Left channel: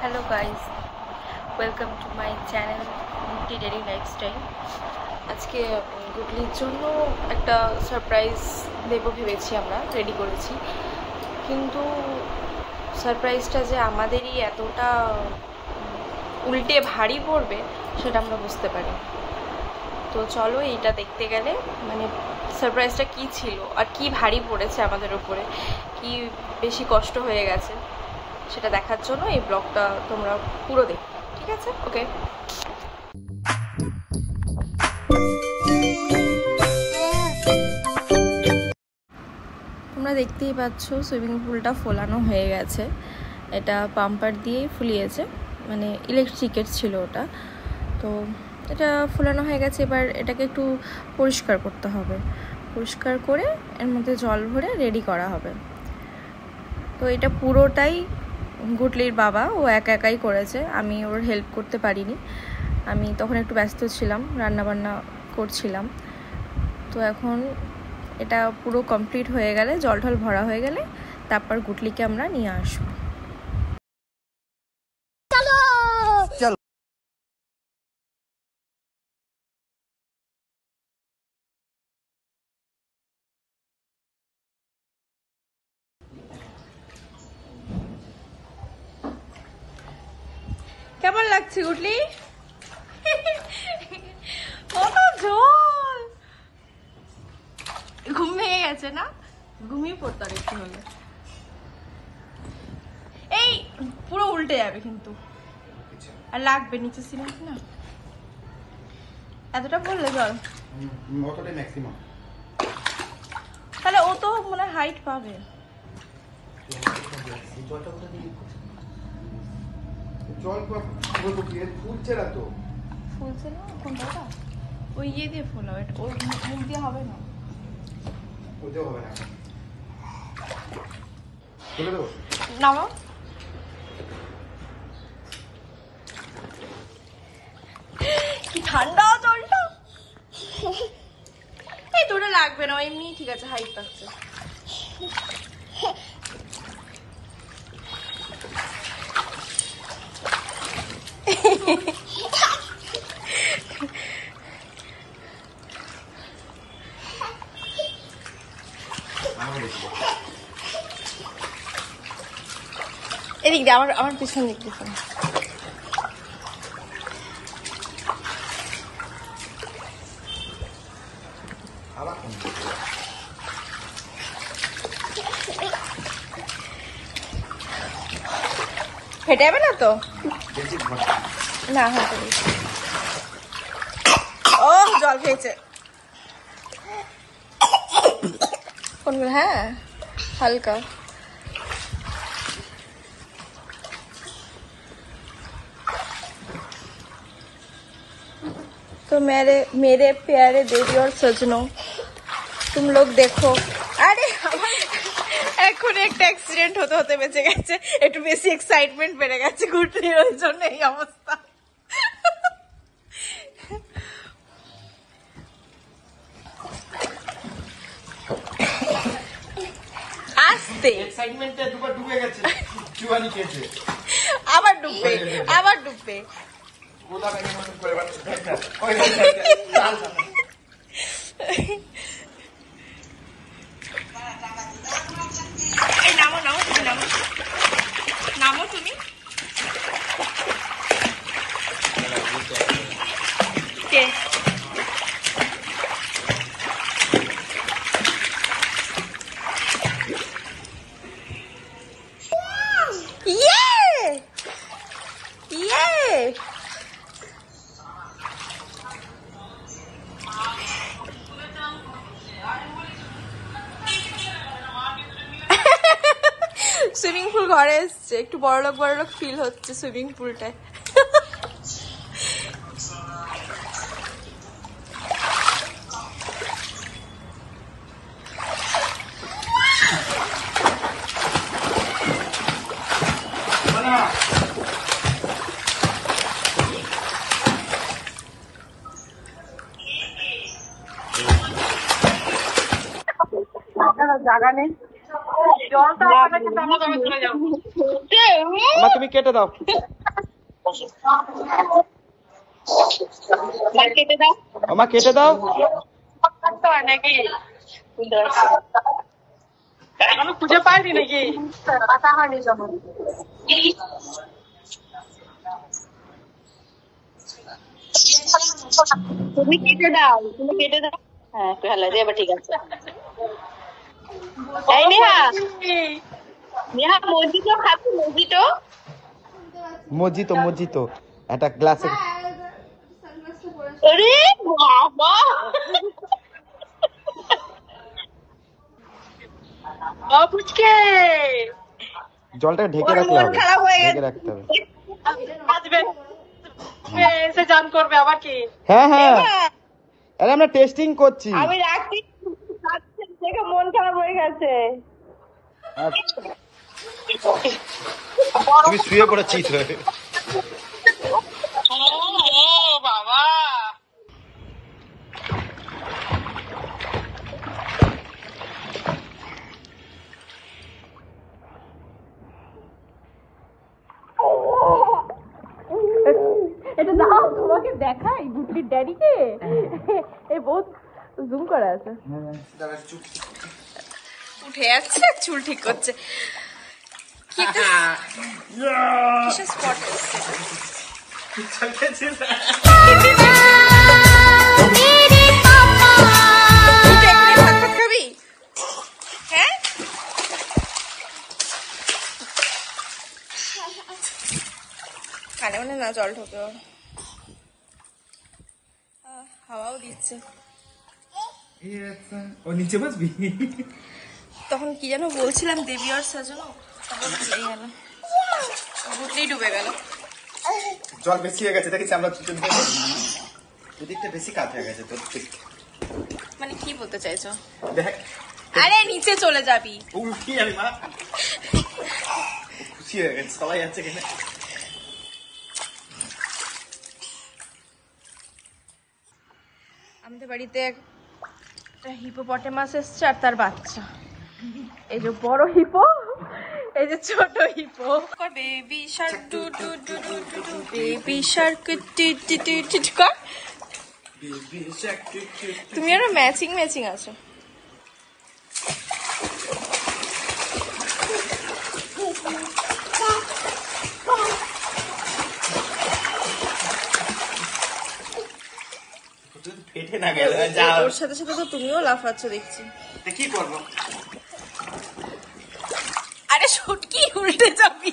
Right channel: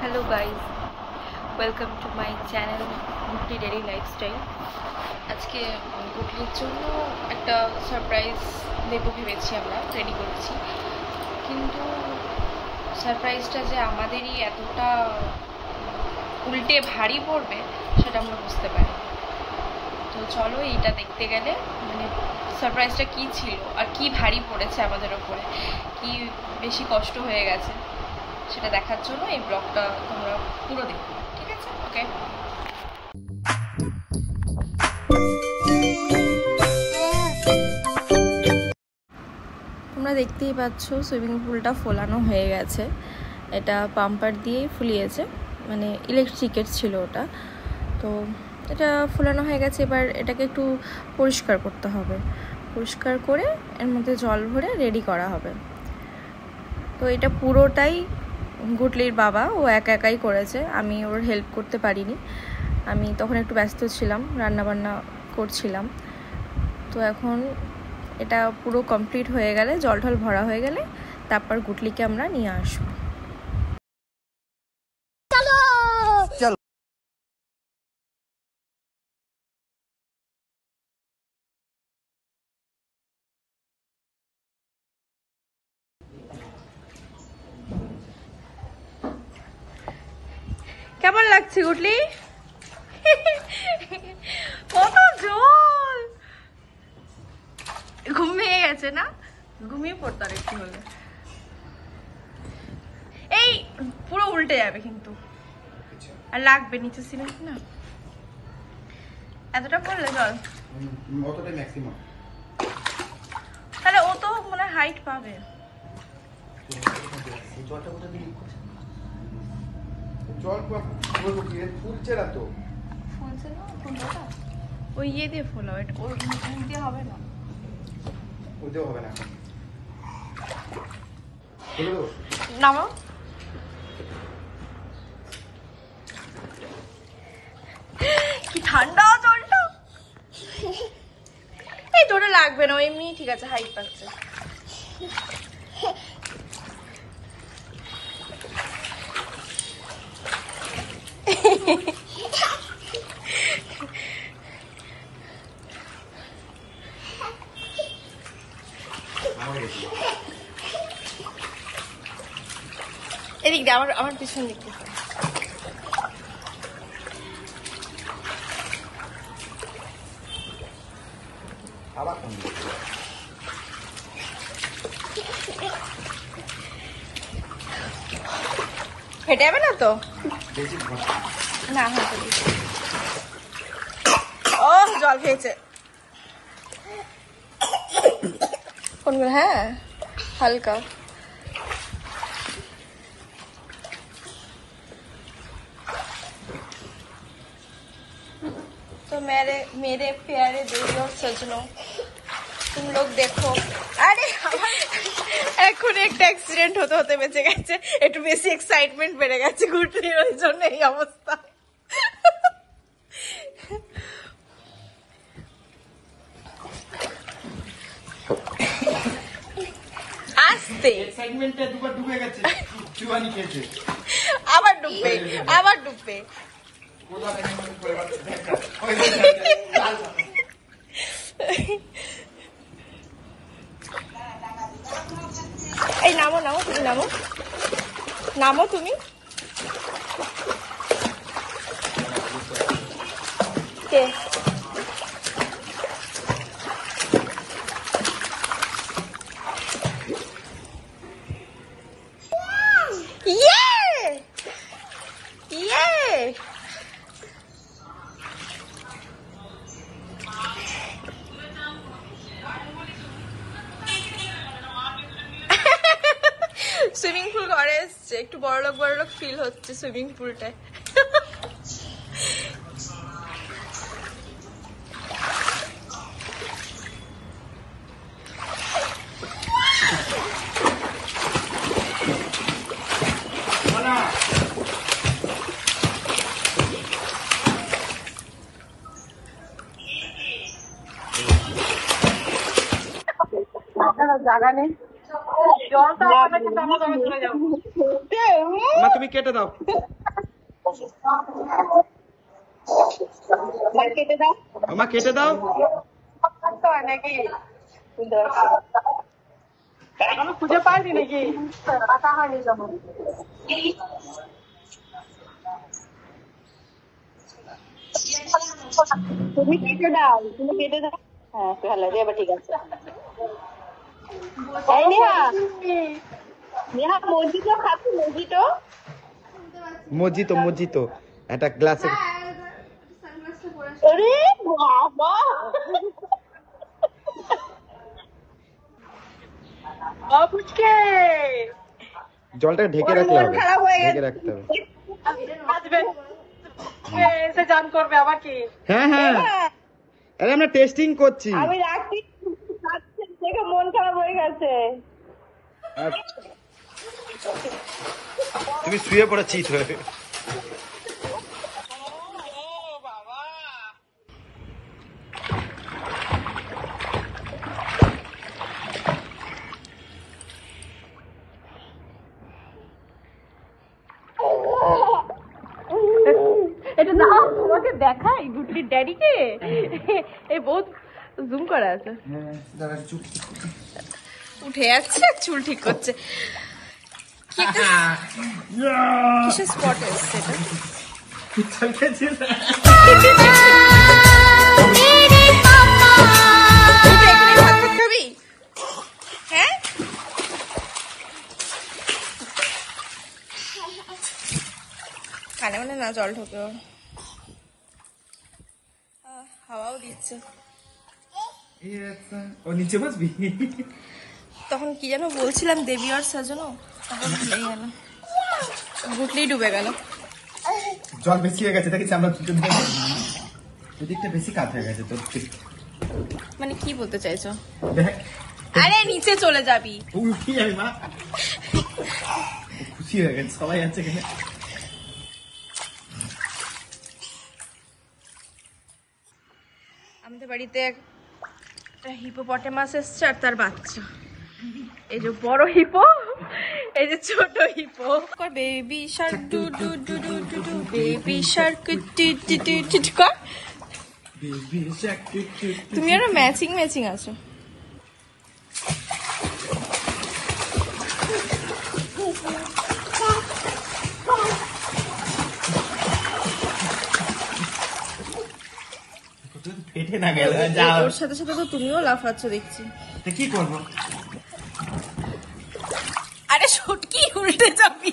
Hello guys, welcome to my channel Gutley Daily Lifestyle. আজকে গুটলির জন্য একটা সারপ্রাইজ দেব ভেবেছি, আমরা রেডি করেছি, কিন্তু সারপ্রাইজটা যে আমাদেরই এতটা উল্টে ভারী পড়বে সেটা আমরা বুঝতে পারি। তো চলো এইটা দেখতে গেলে মানে সারপ্রাইজটা কি ছিল আর কি ভারী পড়েছে আমাদের উপরে, কি বেশি কষ্ট হয়ে গেছে সেটা দেখার জন্য এই ব্লগটা তোমরা পুরো দেখো, ঠিক আছে? ওকে, তোমরা দেখতেই পাচ্ছ সুইমিং পুলটা ফোলানো হয়ে গেছে। এটা পাম্পার দিয়েই ফুলিয়েছে, মানে ইলেকট্রিকের ছিল ওটা। তো এটা ফোলানো হয়ে গেছে, এবার এটাকে একটু পরিষ্কার করতে হবে। পরিষ্কার করে এর মধ্যে জল ভরে রেডি করা হবে। তো এটা পুরোটাই গুটলির বাবা, ও একা একাই করেছে, আমি ওর হেল্প করতে পারিনি। আমি তখন একটু ব্যস্ত ছিলাম, রান্নাবান্না করছিলাম। তো এখন এটা পুরো কমপ্লিট হয়ে গেলে, জল ঢল ভরা হয়ে গেলে তারপর গুটলিকে আমরা নিয়ে আসবো। কেমন লাগছে গুটলি? কত জল! ঘুম ভেঙে গেছে না? ঘুমিয়ে পড়তো আর একটু হলে। এই পুরো উল্টে যাবে কিন্তু, আর লাগবে নিচে সিলিং না। এতটা পড়লে জল তাহলে ও তো মনে হাইট পাবে। ওই ইয়ে দিয়ে ফোলা, ওই দিয়ে হবে না। নামো, কি ঠান্ডা জলটা! এই তোরা লাগবে না, এমনি ঠিক আছে, হাইট পাচ্ছে। এদিক দিয়ে আমার পিছনে পিছনে হেঁটে যাবে না তো? না হেঁটে দিচ্ছি। ও জল খেয়েছে কোনগুলো? হ্যাঁ হালকা। तो मेरे प्यारे देवी और सजनों, तुम लोग देखो। আরে এখন একটা অ্যাক্সিডেন্ট হতে হতে বেঁচে গেছে, একটু বেশি এক্সাইটমেন্ট বেড়ে গেছে গুটলির, ওই জন্য এই অবস্থা। আস্তে আবার ডুববে, আবার ডুববে। এই নামো নামো, তুমি নামো, নামো তুমি। কে? সুইমিং পুল ঘরে এসছে, একটু বড়লোক বড়লোক ফিল হচ্ছে সুইমিং পুলটায়। জায়গা নেই, জলটা চলে যাবো। মা তুমি কেটে দাও, কেটে দাও, মা কেটে দাও। নাকি এখনো খুঁজে পাইনি নাকি? তুমি কেটে দাও, তুমি কেটে দাও। হ্যাঁ ভালো আছে, এবার ঠিক আছে। এই নেহা, নেহা মজিটো খাচ্ছি, মজিটো মজিতো মজিতো একটা গ্লাসে। আরে বাবা, বাবুকে জলটা ঢেকে রাখলে হবে, ঢেকে রাখতে হবে। এসে জান করবে আবার কি? হ্যাঁ হ্যাঁ, আরে আমরা টেস্টিং করছি। আমি রাখছি, দেখে মন খারাপ হয়ে গেছে। তুমি শুয়ে পড়েছিস বাবা, এটা না তোমাকে দেখাই গুডলির ড্যাডিকে, এই বহুত জুম করা আছে, উঠে যাচ্ছে চুল ঠিক করছে। কিসের স্পট এসছে খাবি? হ্যাঁ কানে মানে না জল ঢুকে, হাওয়াও দিচ্ছে। ও নিচে বসবি? তখন কি যেন বলছিলাম, দেবী আর সাজানো, ভুলেই গেল, গুটলেই ডুবে গেল। জল বেশি হয়ে গেছে দেখেছি আমরা, ওদিকটা বেশি কাজ হয়ে গেছে তোর। মানে কি বলতে চাইছো? দেখ আরে নিচে চলে যাবি। উল্টি যাবি মা, খুশি হয়ে গেছে সবাই আছে কিনা। আমাদের বাড়িতে একটা হিপোপটেমাস এসছে আর তার বাচ্চা, এই যে বড় হিপো, এই যে ছোট hippo. Baby shark doo doo doo doo doo doo, baby shark টু টু টু টু কর। তুমি আর ম্যাচিং ম্যাচিং আছো। ওর সাথে সাথে তো তুমিও লাফাচ্ছ দেখছি। কি করবো? আরে সটকি উল্টে যাবি।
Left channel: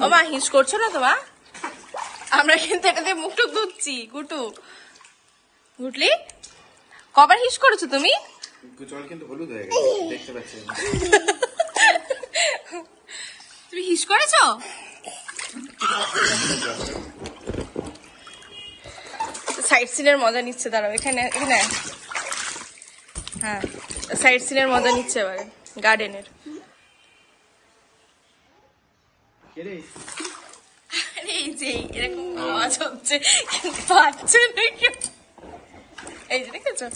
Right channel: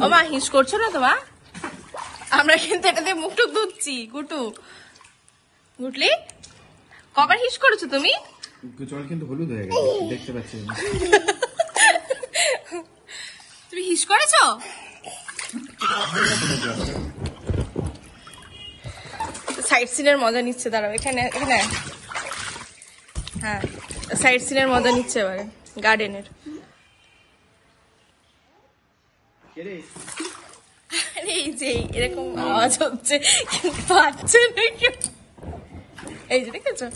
বাবা হিস করছো না তোমা? আমরা কিন্তু এটা দিয়ে মুখটুক ধুচ্ছি। গুটু গুটলি কবার হিস করেছো তুমি? জল কিন্তু হলুদ হয়ে গেছে, দেখতে পাচ্ছি না। তুমি হিস করেছো? সাইড সিনের মজা নিচ্ছে, দাঁড়াও এখানে এখানে। হ্যাঁ সাইড সিনের মজা নিচ্ছে এবারে গার্ডেনের। এই যে এরকম আওয়াজ হচ্ছে, পাচ্ছে নাকি? এই যে দেখেছো?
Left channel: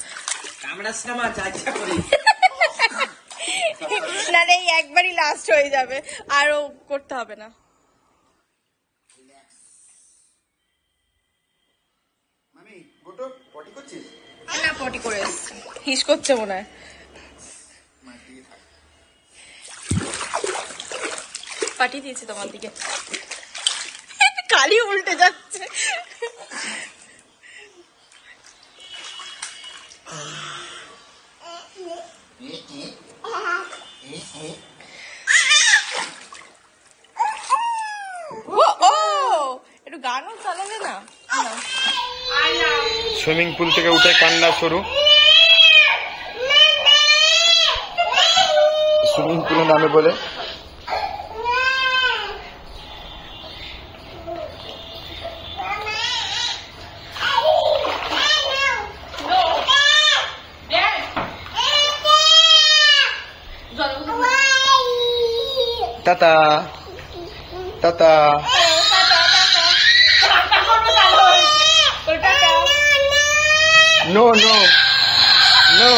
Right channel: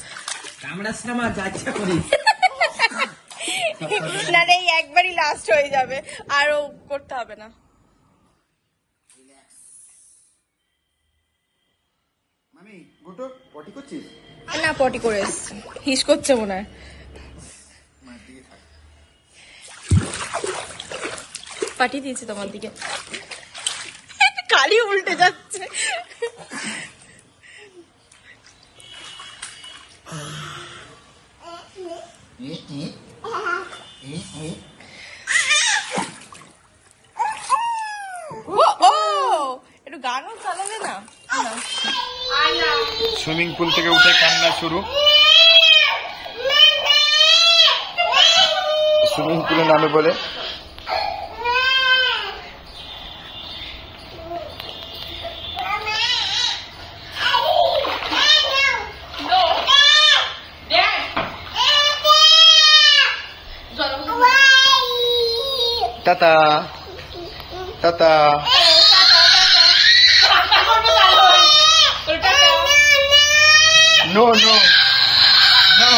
না এই একবারই লাস্ট হয়ে যাবে, আরো করতে হবে না। না পটি করে এসছে, হিস করছে মনে হয়। পাঠিয়ে দিয়েছি তোমার দিকে, কালি উল্টে যাচ্ছে। একটু গানও চালাবি না? সুইমিং পুল থেকে উঠে কান্না শুরু। সুইমিং পুলে নামে বলে tata tata. No, no, no.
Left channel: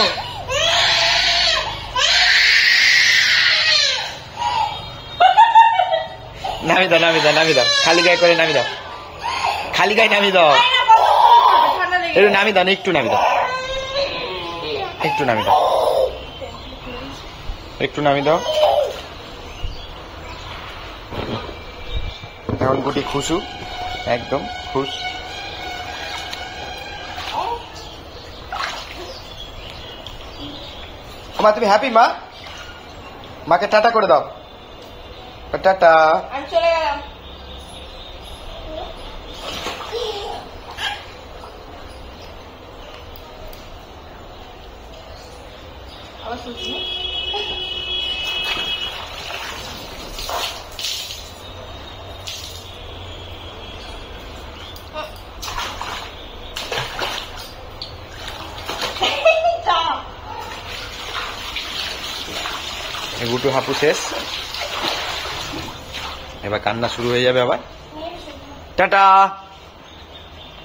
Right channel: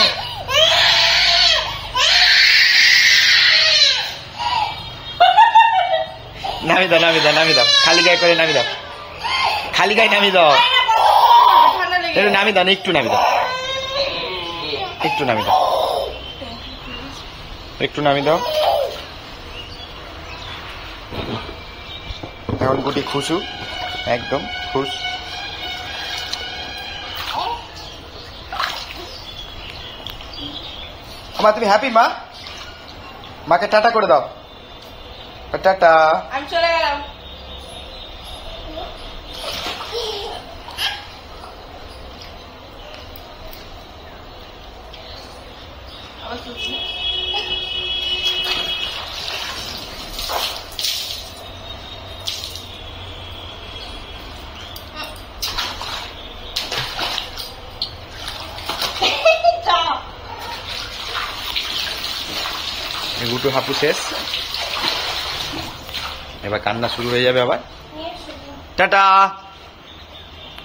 নামি দাও নামি দাও নামি দাও, খালি গায়ে করে নামি দাও, খালি গায়ে নামি দাও, একটু নামি দাও, একটু নামি দাও, একটু নামি দাও, একটু নামি দাও। এখন গুটি খুশু, একদম খুশ। মা তুমি হ্যাপি? মা মাকে টাটা করে দাও, টাটা। গুটু হাপু শেষ, এবার কান্না শুরু হয়ে যাবে আবার। Tata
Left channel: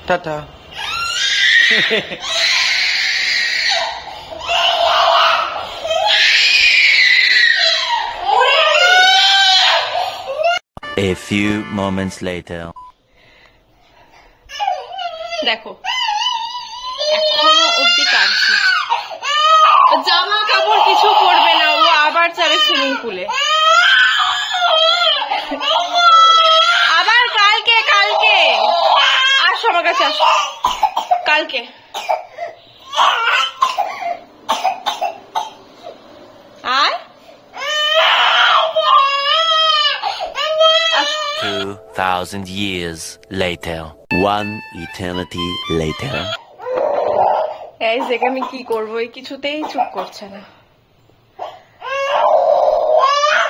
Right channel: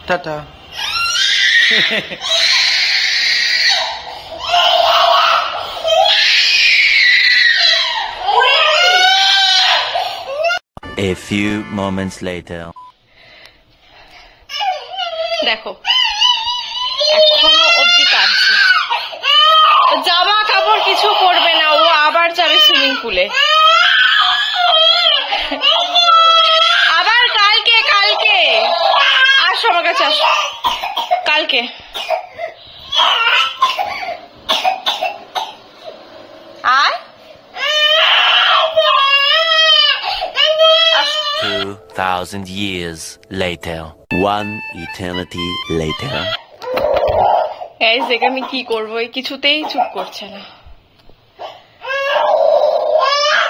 tata. A few moments later. দেখো এখনো অব্দি কাঁদছে, জামা কাপড় কিছু পরবে না, ও আবার যাবে সুইমিং পুলে। আবার কালকে, কালকে আসো আমার কাছে, আসো কালকে। আয় 2,000 years later. One eternity later. Guys দেখে আমি কি করবো, এই কিছুতেই চুপ করছে না,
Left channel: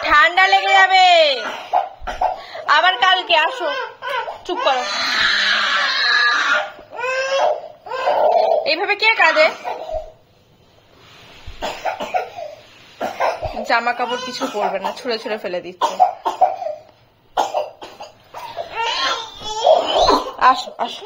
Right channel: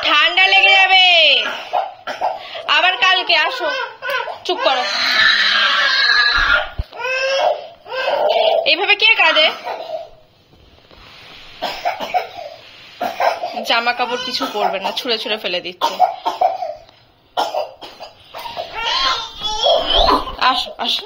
ঠান্ডা লেগে যাবে। আবার কালকে আসো, চুপ করো। এইভাবে কে কাঁদে? জামা কাপড় কিছু পরবে না, ছুঁড়ে ছুঁড়ে ফেলে দিচ্ছে। আসো আসো।